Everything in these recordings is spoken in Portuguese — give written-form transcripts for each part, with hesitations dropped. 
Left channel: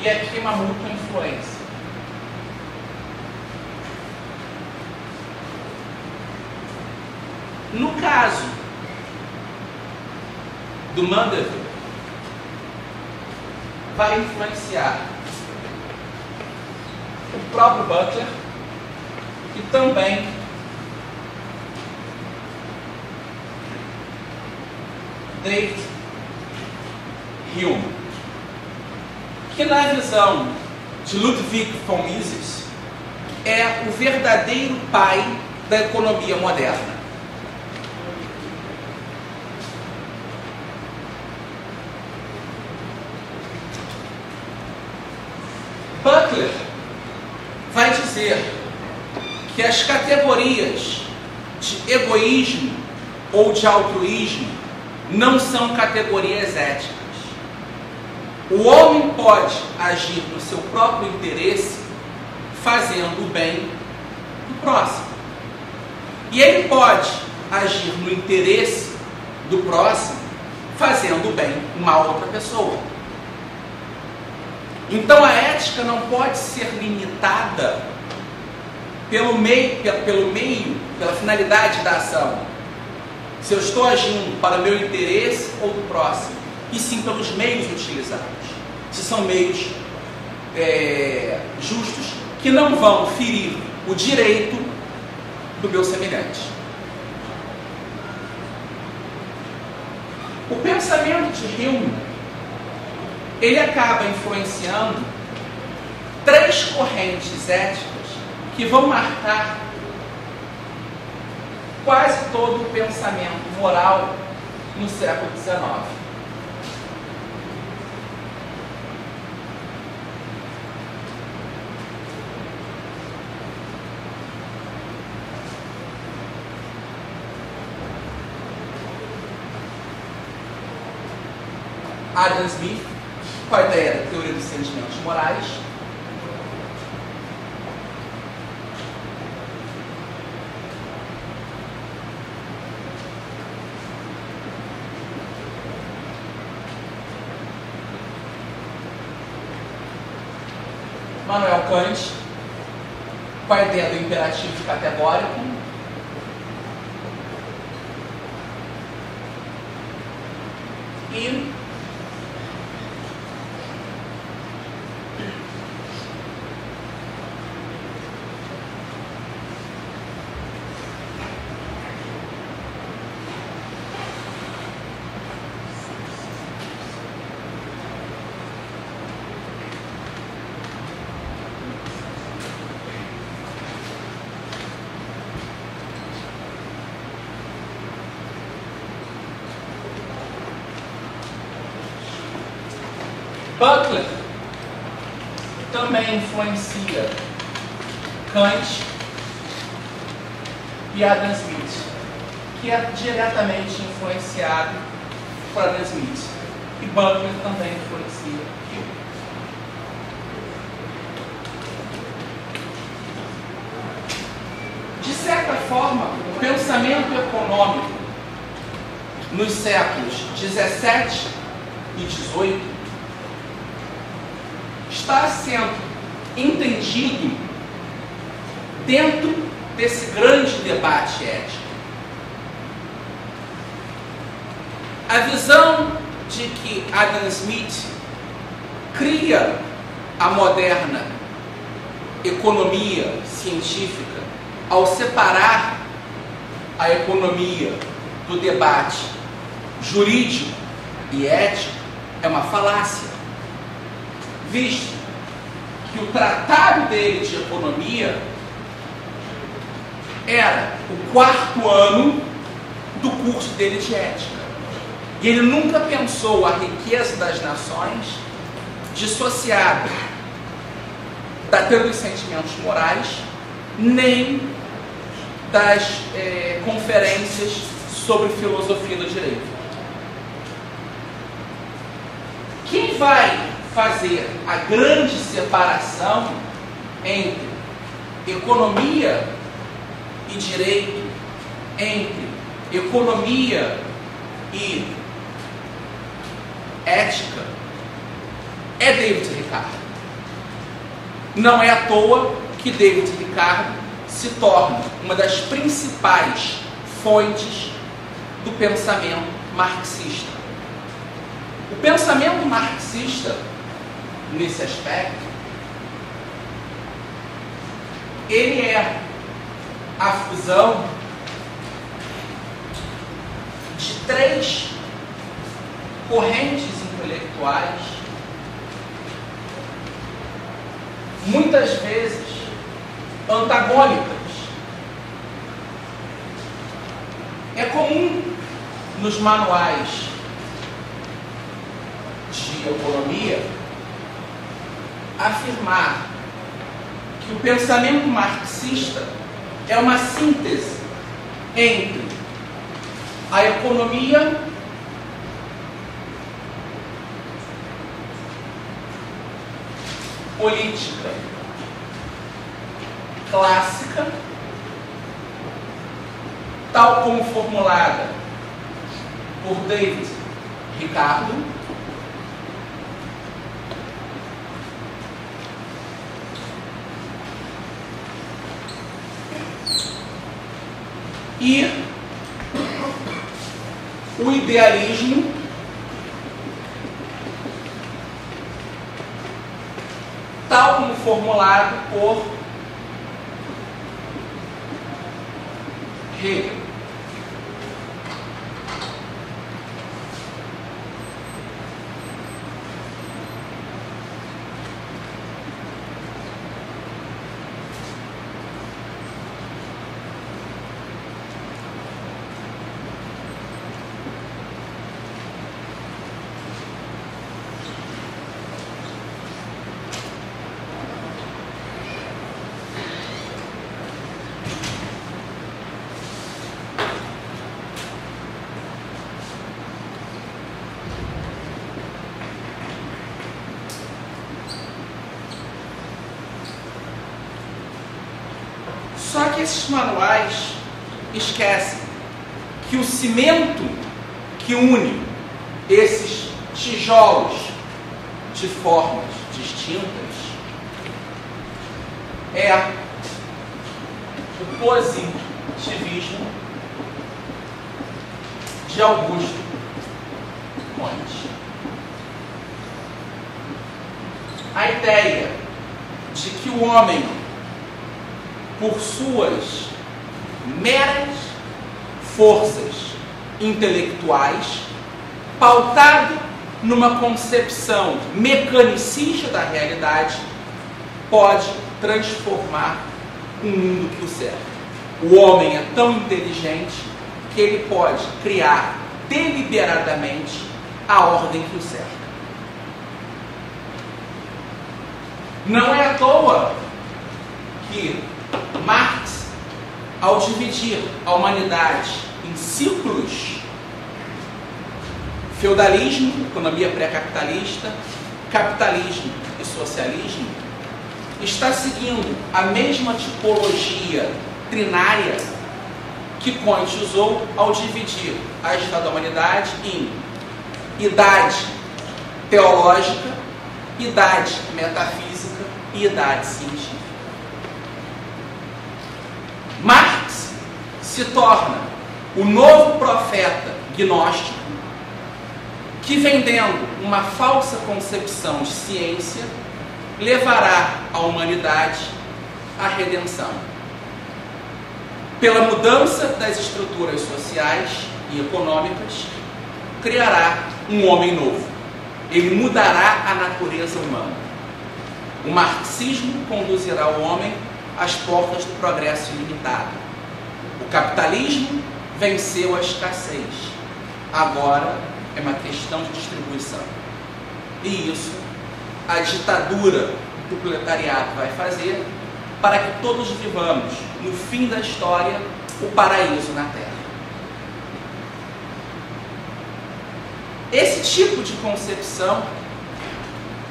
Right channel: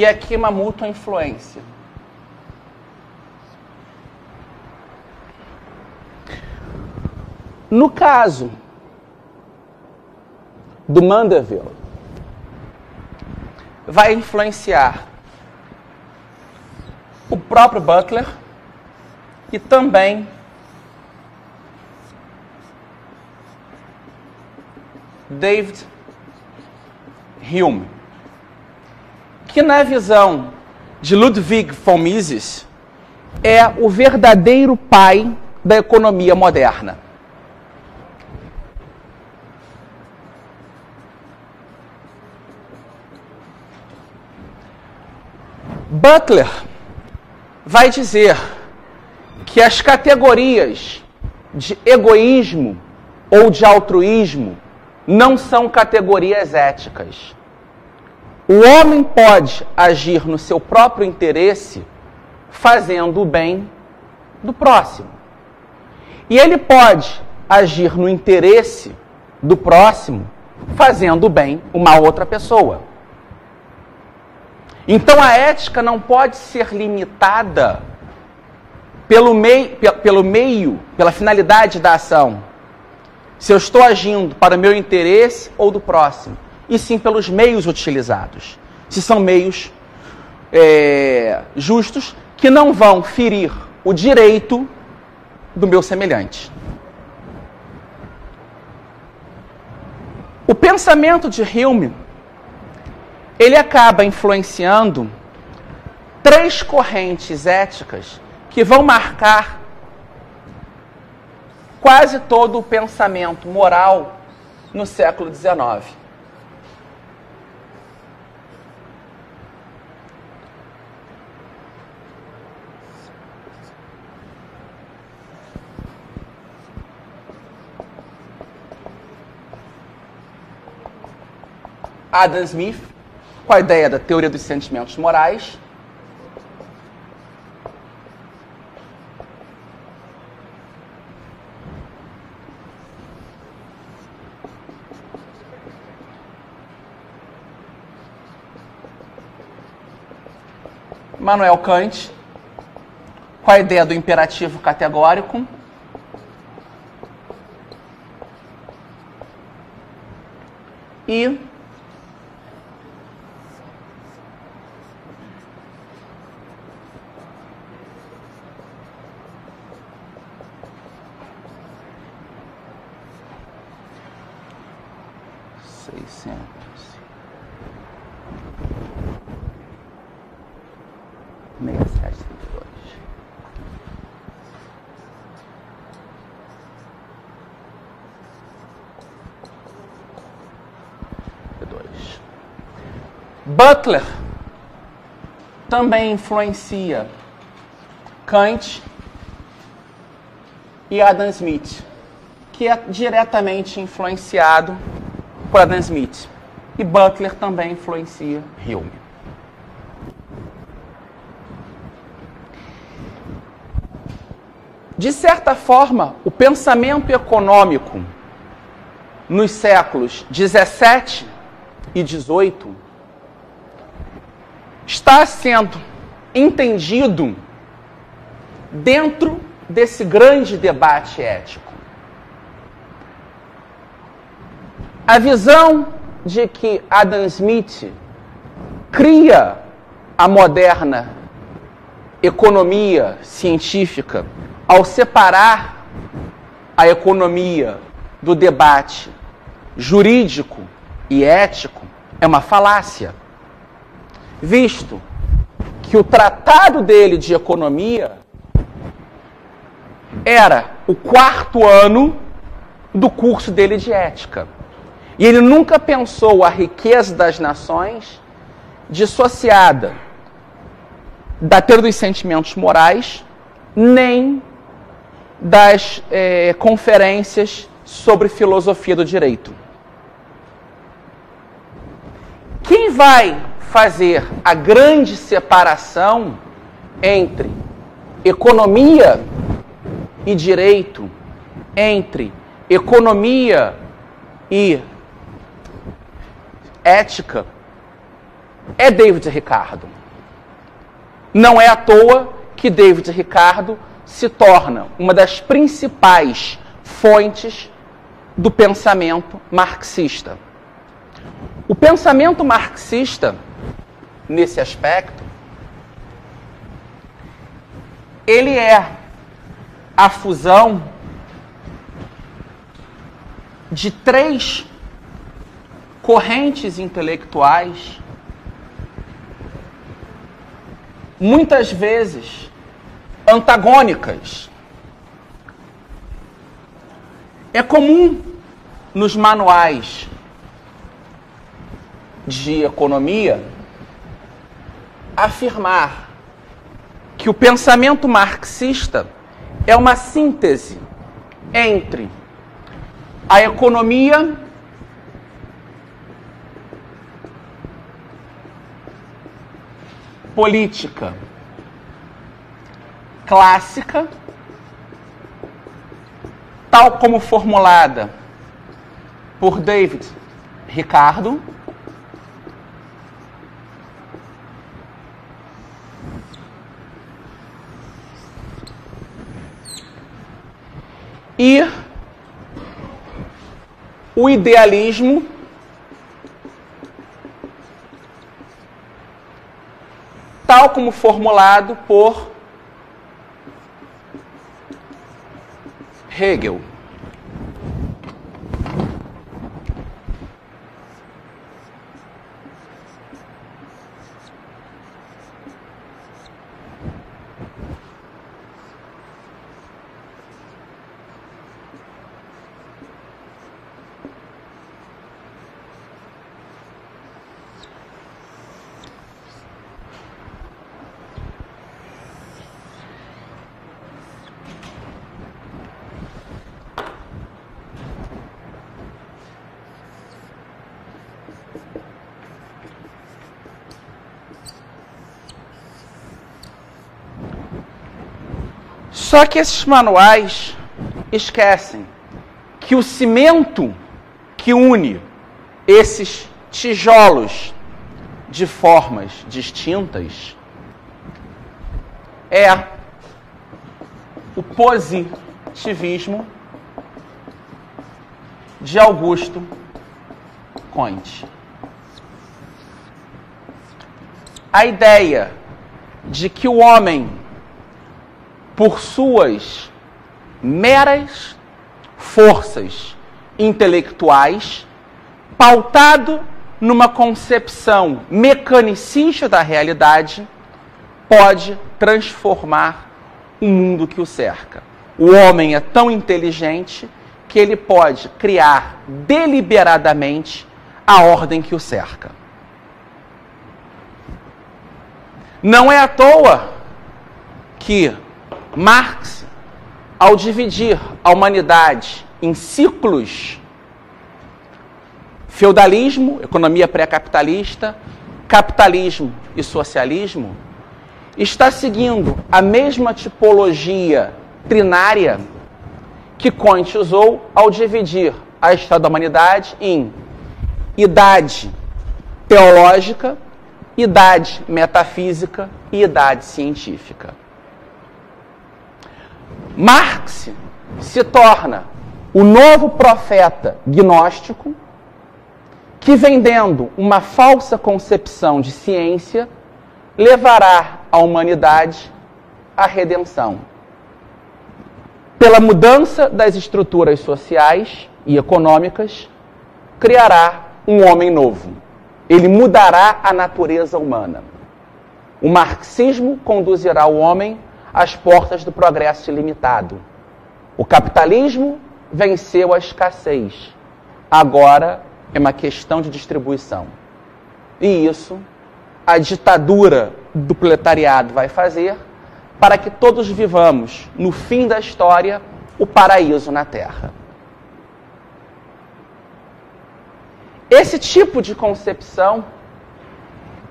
e aqui uma mútua influência. No caso do Mandeville, vai influenciar o próprio Butler e também David Hume, que na visão de Ludwig von Mises é o verdadeiro pai da economia moderna. Butler vai dizer que as categorias de egoísmo ou de altruísmo não são categorias éticas. O homem pode agir no seu próprio interesse fazendo o bem do próximo. E ele pode agir no interesse do próximo fazendo o bem uma outra pessoa. Então a ética não pode ser limitada pela finalidade da ação. Se eu estou agindo para o meu interesse ou do próximo, e sim pelos meios utilizados. Se são meios justos que não vão ferir o direito do meu semelhante. O pensamento de Hume, ele acaba influenciando 3 correntes éticas que vão marcar quase todo o pensamento moral no século XIX. Adam Smith, com a ideia da teoria dos sentimentos morais. Immanuel Kant, com a ideia do imperativo categórico. E Butler também influencia Kant e Adam Smith, que é diretamente influenciado por Adam Smith. E Butler também influencia Hume. De certa forma, o pensamento econômico nos séculos 17 e 18 está sendo entendido dentro desse grande debate ético. A visão de que Adam Smith cria a moderna economia científica ao separar a economia do debate jurídico e ético é uma falácia, visto que o tratado dele de economia era o 4º ano do curso dele de ética. E ele nunca pensou a riqueza das nações dissociada da teoria dos sentimentos morais, nem das conferências sobre filosofia do direito. Quem vai fazer a grande separação entre economia e direito, entre economia e ética, é David Ricardo. Não é à toa que David Ricardo se torna uma das principais fontes do pensamento marxista. O pensamento marxista, nesse aspecto, ele é a fusão de três correntes intelectuais, muitas vezes antagônicas. É comum nos manuais de economia afirmar que o pensamento marxista é uma síntese entre a economia política clássica, tal como formulada por David Ricardo, e o idealismo tal como formulado por Hegel. Só que esses manuais esquecem que o cimento que une esses tijolos de formas distintas é o positivismo de Augusto Comte. A ideia de que o homem, por suas meras forças intelectuais, pautado numa concepção mecanicista da realidade, pode transformar o mundo que o cerca. O homem é tão inteligente que ele pode criar deliberadamente a ordem que o cerca. Não é à toa que Marx, ao dividir a humanidade em ciclos, feudalismo, economia pré-capitalista, capitalismo e socialismo, está seguindo a mesma tipologia trinária que Comte usou ao dividir a história da humanidade em idade teológica, idade metafísica e idade científica. Marx se torna o novo profeta gnóstico que, vendendo uma falsa concepção de ciência, levará a humanidade à redenção. Pela mudança das estruturas sociais e econômicas, criará um homem novo. Ele mudará a natureza humana. O marxismo conduzirá o homem às portas do progresso ilimitado. O capitalismo venceu a escassez. Agora é uma questão de distribuição. E isso a ditadura do proletariado vai fazer para que todos vivamos, no fim da história, o paraíso na Terra. Esse tipo de concepção,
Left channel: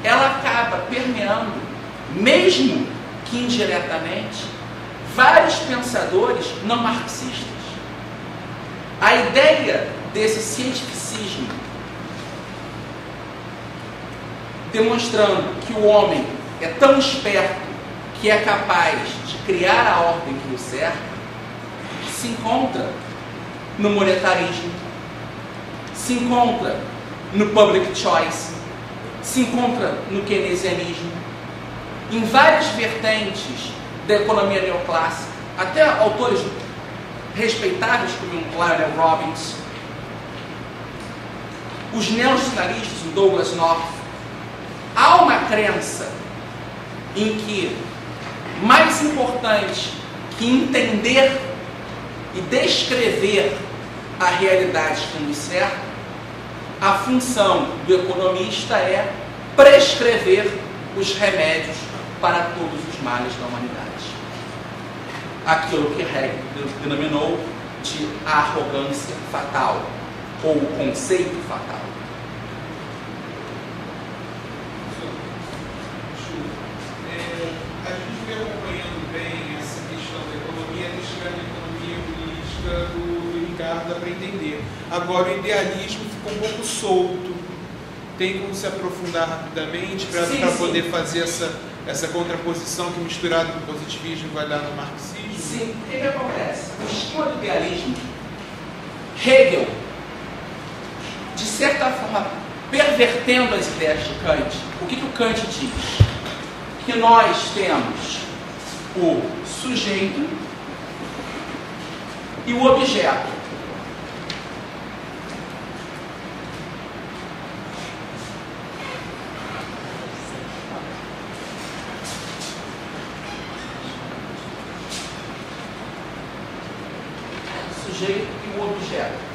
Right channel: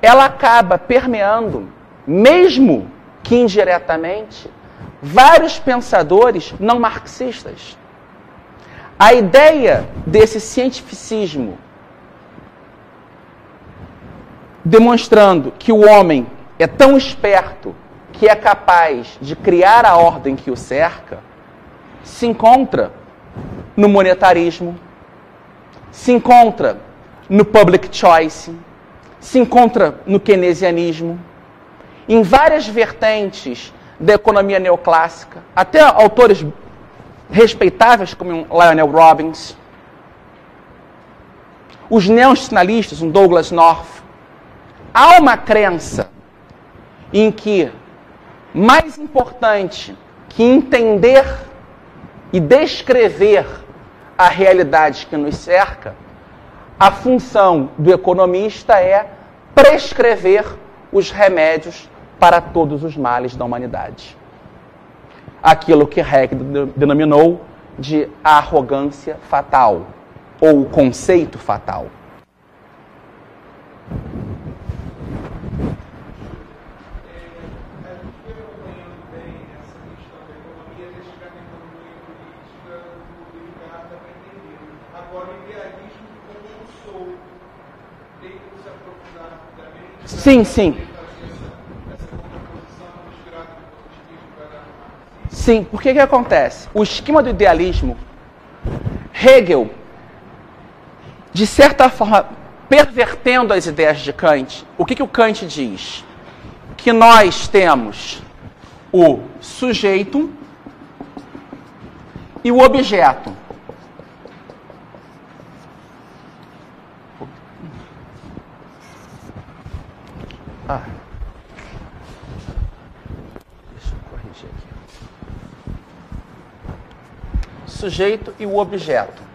ela acaba permeando, mesmo que indiretamente, vários pensadores não marxistas. A ideia desse cientificismo, demonstrando que o homem é tão esperto que é capaz de criar a ordem que o cerca, se encontra no monetarismo, se encontra no public choice, se encontra no keynesianismo, em várias vertentes da economia neoclássica, até autores respeitáveis como Lionel Robbins, os neonacionalistas, o Douglass North. Há uma crença em que mais importante que entender e descrever a realidade que nos cerca, a função do economista é prescrever os remédios para todos os males da humanidade. Aquilo que Hegel denominou de arrogância fatal, ou conceito fatal. A gente vem acompanhando bem essa questão da economia, até chegar na economia política do Ricardo, dá para entender. Agora, o idealismo ficou um pouco solto. Tem como se aprofundar rapidamente para poder fazer essa contraposição que, misturado com o positivismo, vai dar no marxismo? Sim, porque que acontece? O esquema do idealismo, Hegel, de certa forma, pervertendo as ideias de Kant, o que o Kant diz? Que nós temos o sujeito e o objeto. Sujeito e o objeto.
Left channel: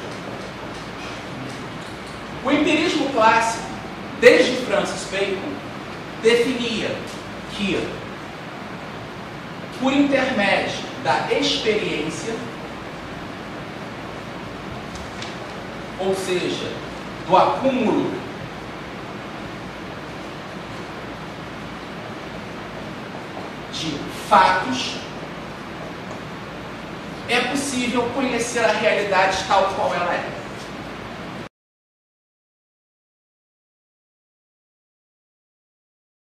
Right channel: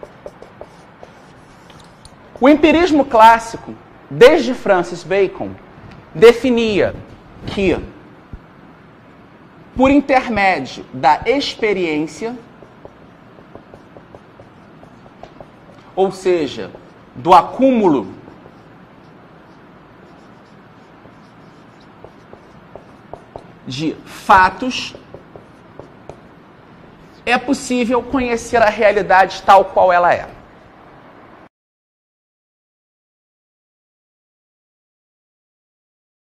O empirismo clássico, desde Francis Bacon, definia que, por intermédio da experiência, ou seja, do acúmulo de fatos, é possível conhecer a realidade tal qual ela é.